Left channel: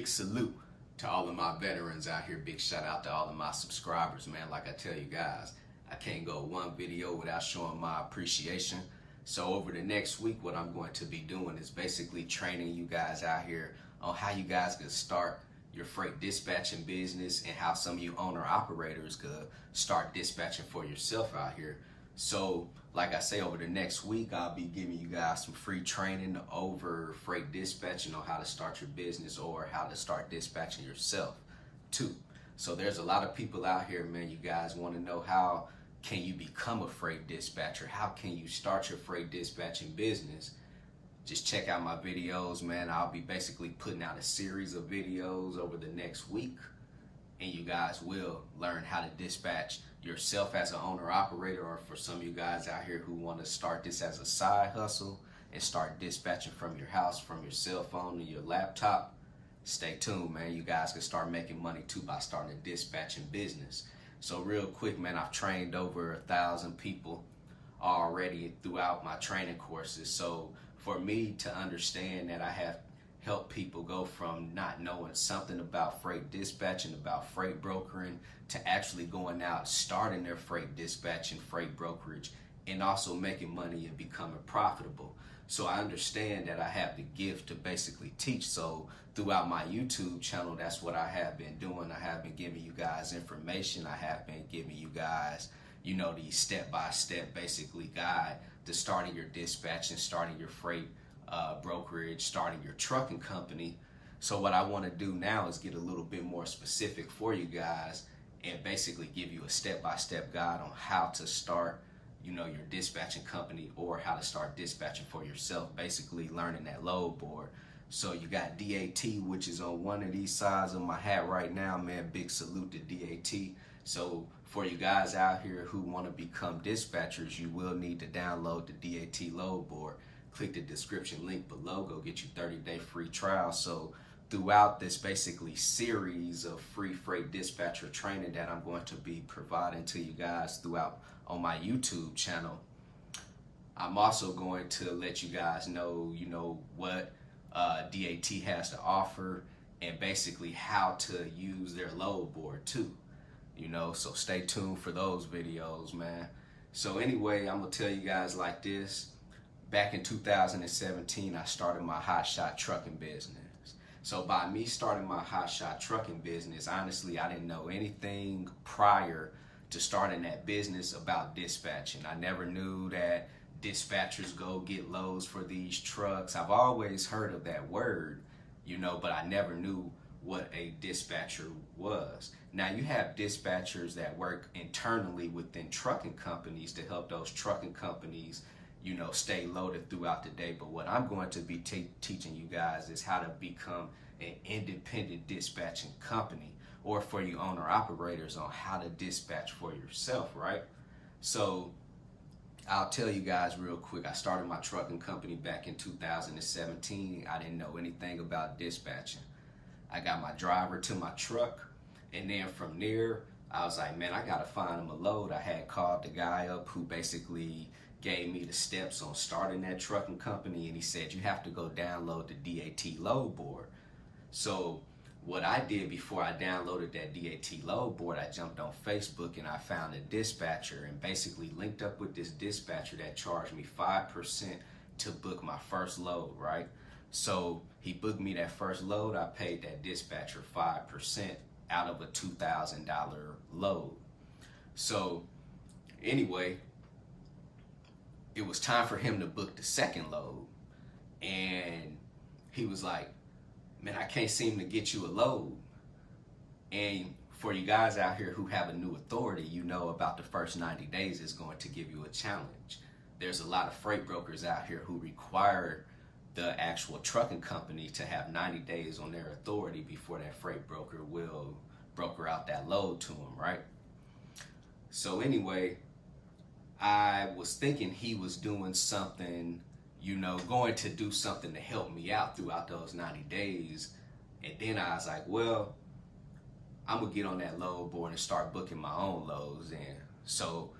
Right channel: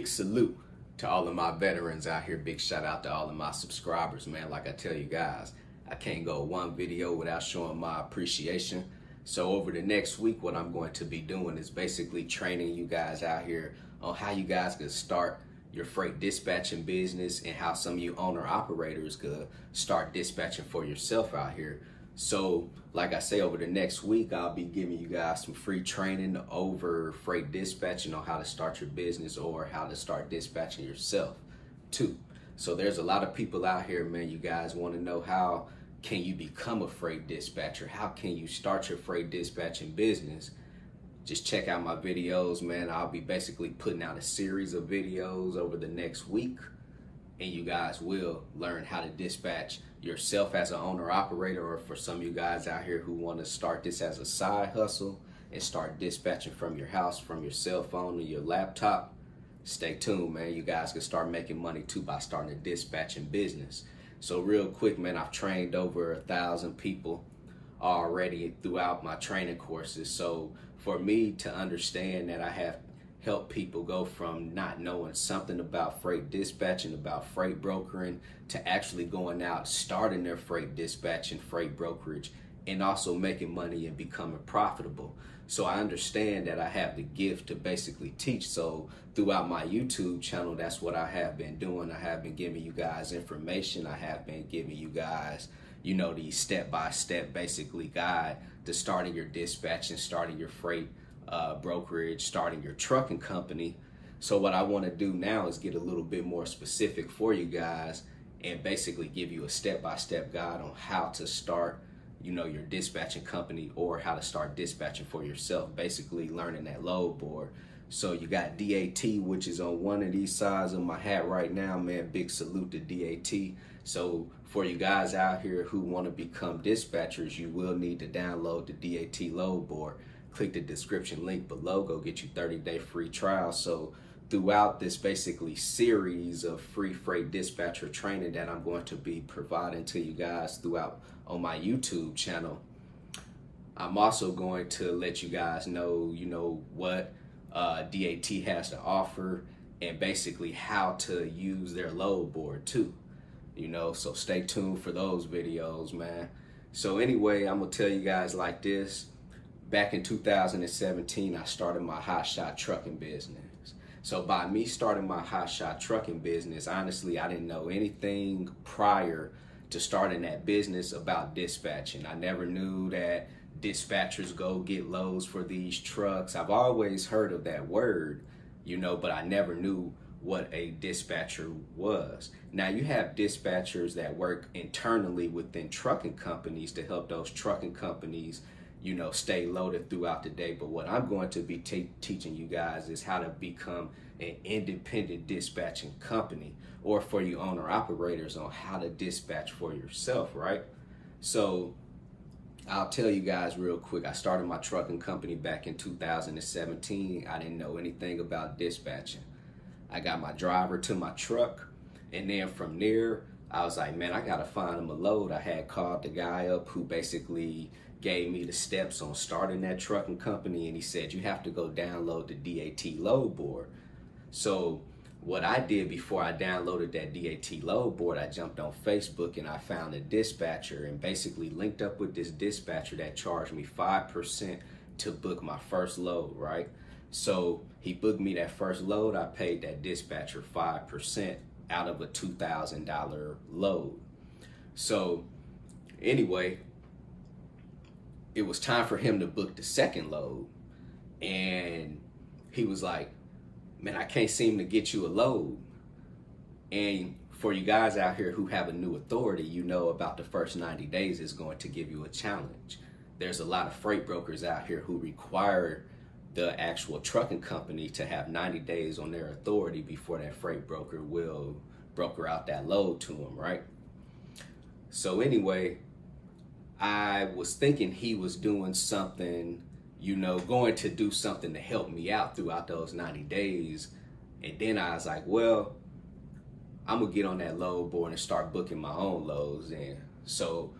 big salute to all of my veterans out here. Big shout out to all of my subscribers, man. Like I tell you guys, I can't go one video without showing my appreciation. So over the next week, what I'm going to be doing is basically training you guys out here on how you guys can start your freight dispatching business and how some of you owner operators could start dispatching for yourself out here. So like I say, over the next week, I'll be giving you guys some free training over freight dispatching on how to start your business or how to start dispatching yourself too. So there's a lot of people out here, man. You guys want to know, how can you become a freight dispatcher? How can you start your freight dispatching business? Just check out my videos, man. I'll be basically putting out a series of videos over the next week, and you guys will learn how to dispatch yourself as an owner operator, or for some of you guys out here who want to start this as a side hustle and start dispatching from your house, from your cell phone or your laptop. Stay tuned, man. You guys can start making money too by starting a dispatching business. So real quick, man, I've trained over 1,000 people already throughout my training courses. So for me to understand that I have helped people go from not knowing something about freight dispatching, about freight brokering, to actually going out, starting their freight dispatching, freight brokerage, and also making money and becoming profitable. So I understand that I have the gift to basically teach. So throughout my YouTube channel, that's what I have been doing. I have been giving you guys information. I have been giving you guys, you know, the step-by-step basically guide to starting your dispatching, starting your freight brokerage, starting your trucking company. So what I want to do now is get a little bit more specific for you guys and basically give you a step-by-step guide on how to start, you know, your dispatching company, or how to start dispatching for yourself, basically learning that load board. So you got DAT, which is on one of these sides of my hat right now, man. Big salute to DAT. So for you guys out here who want to become dispatchers, you will need to download the DAT load board. Click the description link below, go get you 30-day free trial. So throughout this basically series of free freight dispatcher training that I'm going to be providing to you guys throughout on my YouTube channel, I'm also going to let you guys know, you know, what DAT has to offer and basically how to use their load board too, you know. So stay tuned for those videos, man. So anyway, I'm gonna tell you guys like this. Back in 2017, I started my hotshot trucking business. So by me starting my hotshot trucking business, honestly, I didn't know anything prior to starting that business about dispatching. I never knew that dispatchers go get loads for these trucks. I've always heard of that word, you know, but I never knew what a dispatcher was. Now you have dispatchers that work internally within trucking companies to help those trucking companies, you know, stay loaded throughout the day. But what I'm going to be teaching you guys is how to become an independent dispatching company, or for you owner operators on how to dispatch for yourself, right? So I'll tell you guys real quick. I started my trucking company back in 2017. I didn't know anything about dispatching. I got my driver to my truck, and then from there, I was like, man, I gotta find him a load. I had called the guy up who basically gave me the steps on starting that trucking company, and he said, you have to go download the DAT load board. So what I did before I downloaded that DAT load board, I jumped on Facebook and I found a dispatcher and basically linked up with this dispatcher that charged me 5% to book my first load, right? So he booked me that first load. I paid that dispatcher 5% out of a $2,000 load. So anyway, it was time for him to book the second load, and he was like, man, I can't seem to get you a load. And for you guys out here who have a new authority, you know about the first 90 days is going to give you a challenge. There's a lot of freight brokers out here who require the actual trucking company to have 90 days on their authority before that freight broker will broker out that load to them, right? So anyway, I was thinking he was doing something, you know, going to do something to help me out throughout those 90 days. And then I was like, well, I'm gonna get on that load board and start booking my own loads. And so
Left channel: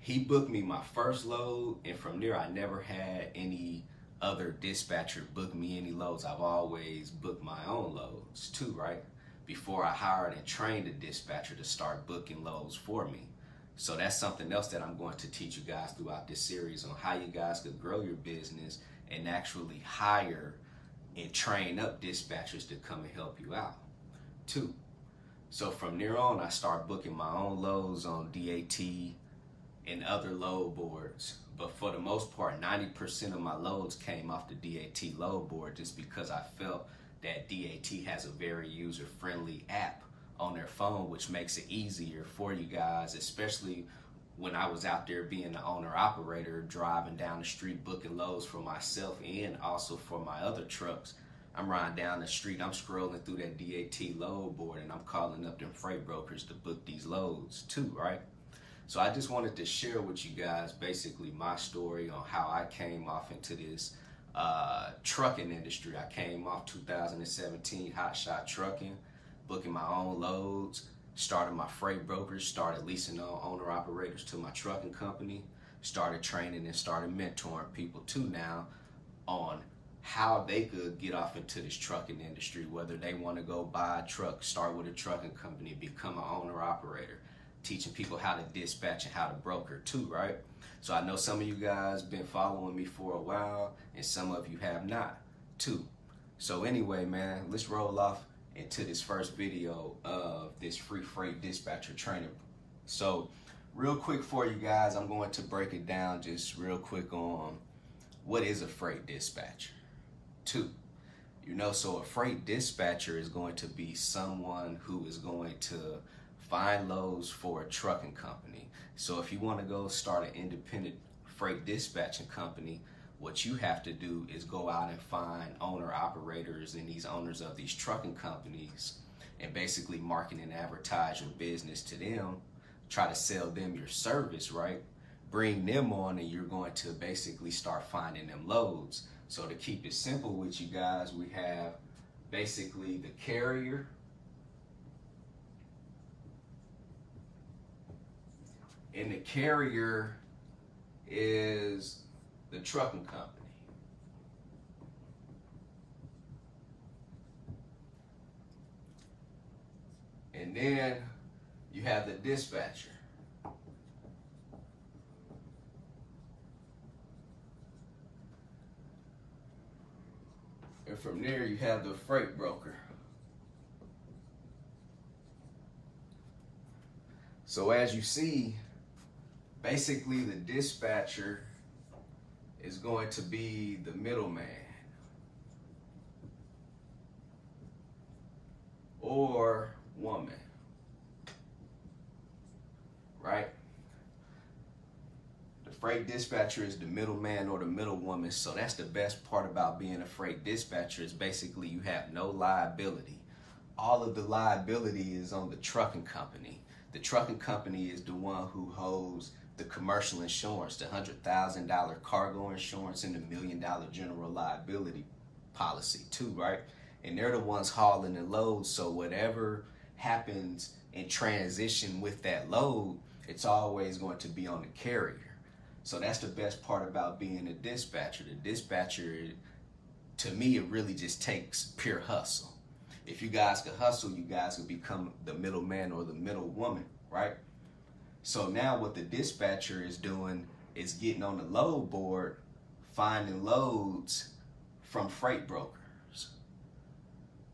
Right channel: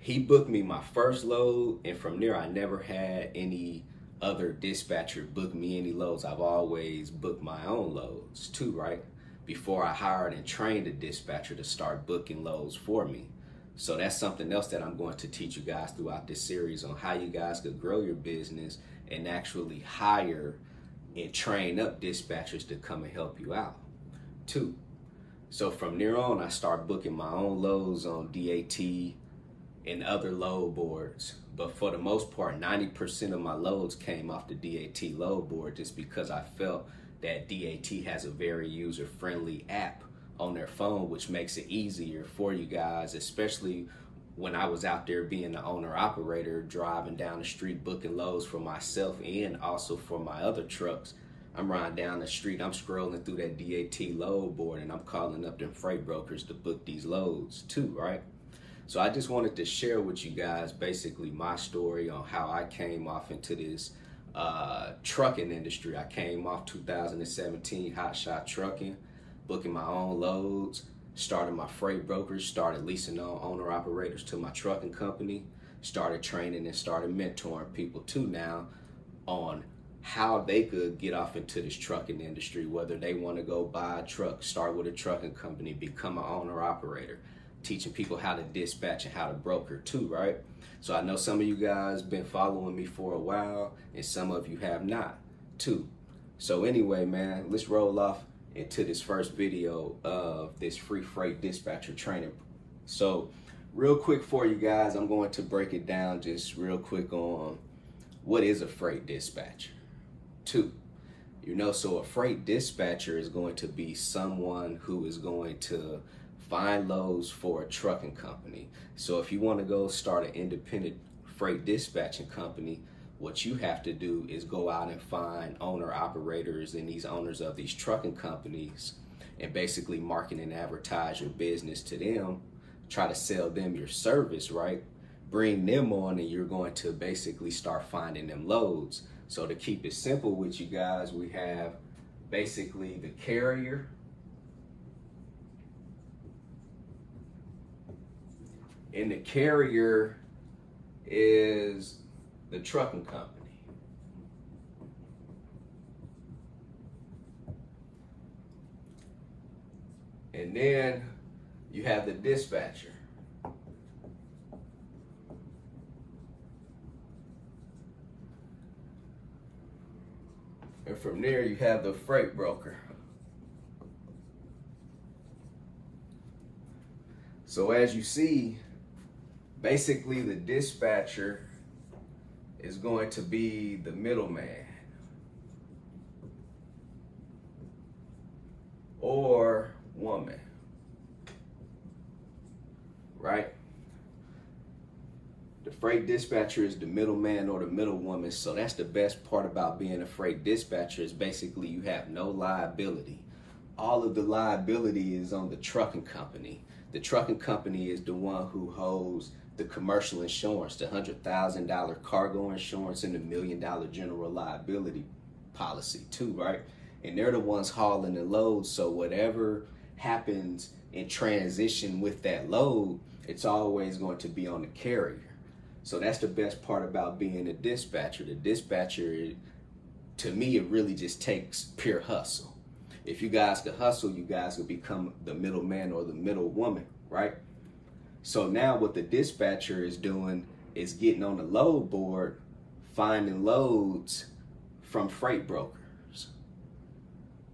he booked me my first load, and from there I never had any other dispatcher book me any loads. I've always booked my own loads too, right? Before I hired and trained a dispatcher to start booking loads for me. So that's something else that I'm going to teach you guys throughout this series on how you guys could grow your business and actually hire and train up dispatchers to come and help you out too. So from there on, I start booking my own loads on DAT and other load boards. But for the most part, 90% of my loads came off the DAT load board just because I felt that DAT has a very user-friendly app on their phone, which makes it easier for you guys, especially when I was out there being the owner-operator, driving down the street, booking loads for myself and also for my other trucks. I'm riding down the street, I'm scrolling through that DAT load board, and I'm calling up them freight brokers to book these loads too, right? So I just wanted to share with you guys basically my story on how I came off into this trucking industry. I came off 2017 hotshot trucking, booking my own loads, started my freight brokers, started leasing on owner operators to my trucking company, started training and started mentoring people too now on how they could get off into this trucking industry, whether they want to go buy a truck, start with a trucking company, become an owner operator, teaching people how to dispatch and how to broker too, right? So I know some of you guys been following me for a while and some of you have not too. So anyway, man, let's roll off into this first video of this free freight dispatcher training. So real quick for you guys, I'm going to break it down just real quick on what is a freight dispatcher too. So a freight dispatcher is going to be someone who is going to find loads for a trucking company. So if you want to go start an independent freight dispatching company, what you have to do is go out and find owner operators and these owners of these trucking companies and basically market and advertise your business to them, try to sell them your service, right? Bring them on and you're going to basically start finding them loads. So to keep it simple with you guys, we have basically the carrier, and the carrier is the trucking company. And then you have the dispatcher. And from there you have the freight broker. So as you see, basically the dispatcher is going to be the middleman or woman, right? The freight dispatcher is the middleman or the middle woman. So that's the best part about being a freight dispatcher is basically you have no liability. All of the liability is on the trucking company. The trucking company is the one who holds the commercial insurance, the $100,000 cargo insurance and the $1 million general liability policy too, right? And they're the ones hauling the load. So whatever happens in transition with that load, it's always going to be on the carrier. So that's the best part about being a dispatcher. The dispatcher, to me, it really just takes pure hustle. If you guys could hustle, you guys could become the middleman or the middle woman, right? So now what the dispatcher is doing is getting on the load board, finding loads from freight brokers.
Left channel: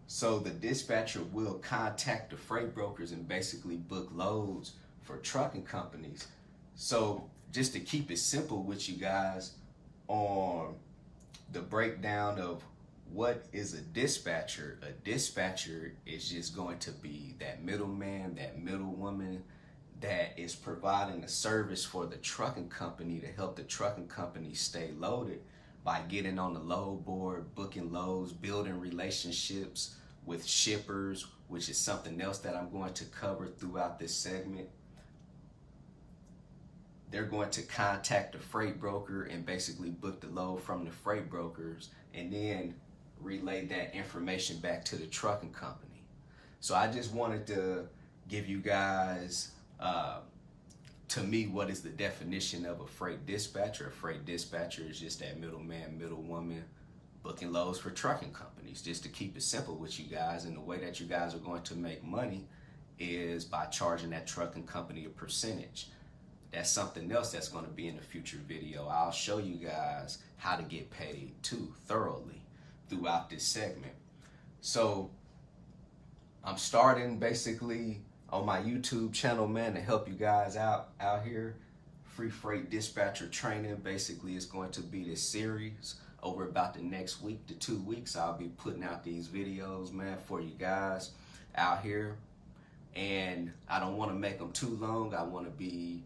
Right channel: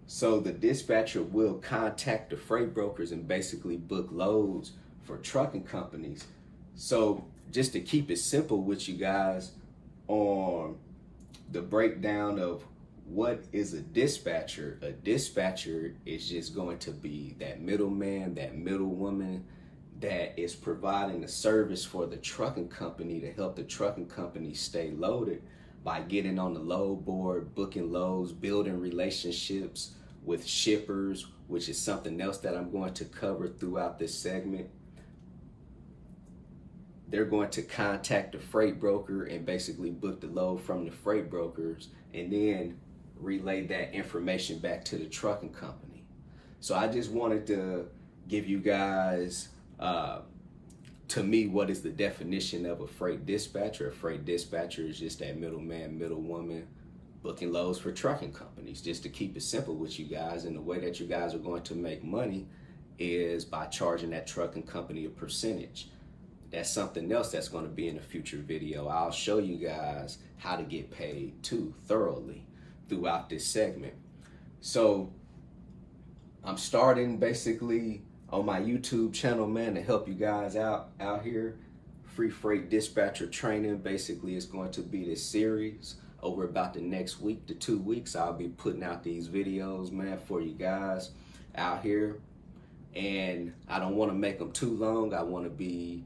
So the dispatcher will contact the freight brokers and basically book loads for trucking companies. So just to keep it simple with you guys on the breakdown of what is a dispatcher is just going to be that middleman, that middle woman that is providing a service for the trucking company to help the trucking company stay loaded by getting on the load board, booking loads, building relationships with shippers, which is something else that I'm going to cover throughout this segment. They're going to contact the freight broker and basically book the load from the freight brokers and then relay that information back to the trucking company. So I just wanted to give you guys to me, what is the definition of a freight dispatcher? A freight dispatcher is just that middleman, middlewoman booking loads for trucking companies. Just to keep it simple with you guys, and the way that you guys are going to make money is by charging that trucking company a percentage. That's something else that's going to be in a future video. I'll show you guys how to get paid too thoroughly throughout this segment. So I'm starting basically on my YouTube channel, man, to help you guys out here. Free freight dispatcher training basically is going to be this series. Over about the next week to 2 weeks, I'll be putting out these videos, man, for you guys out here. And I don't want to make them too long. I want to be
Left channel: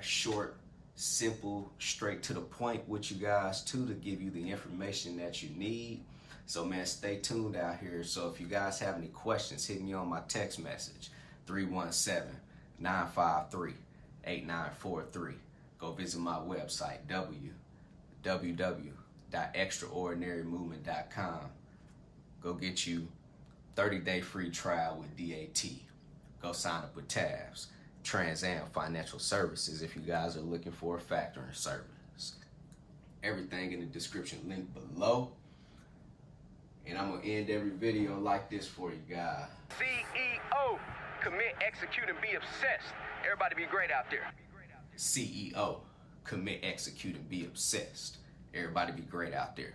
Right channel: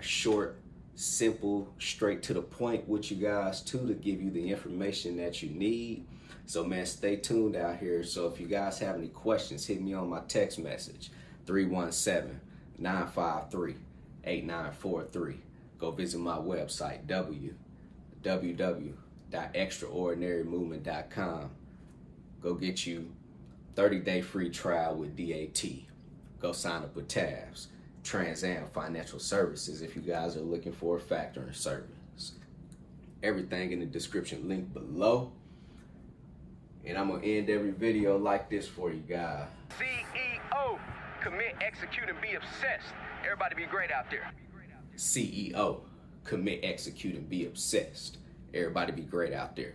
short, simple, straight to the point with you guys too, to give you the information that you need. So, man, stay tuned out here. So if you guys have any questions, hit me on my text message, 317-953-8943. Go visit my website, www.extraordinarymovement.com. Go get you 30-day free trial with DAT. Go sign up with TAFS, Trans Am Financial Services, if you guys are looking for a factoring service. Everything in the description link below. And I'm gonna end every video like this for you guys. CEO, commit, execute, and be obsessed. Everybody be great out there. CEO, commit, execute, and be obsessed. Everybody be great out there.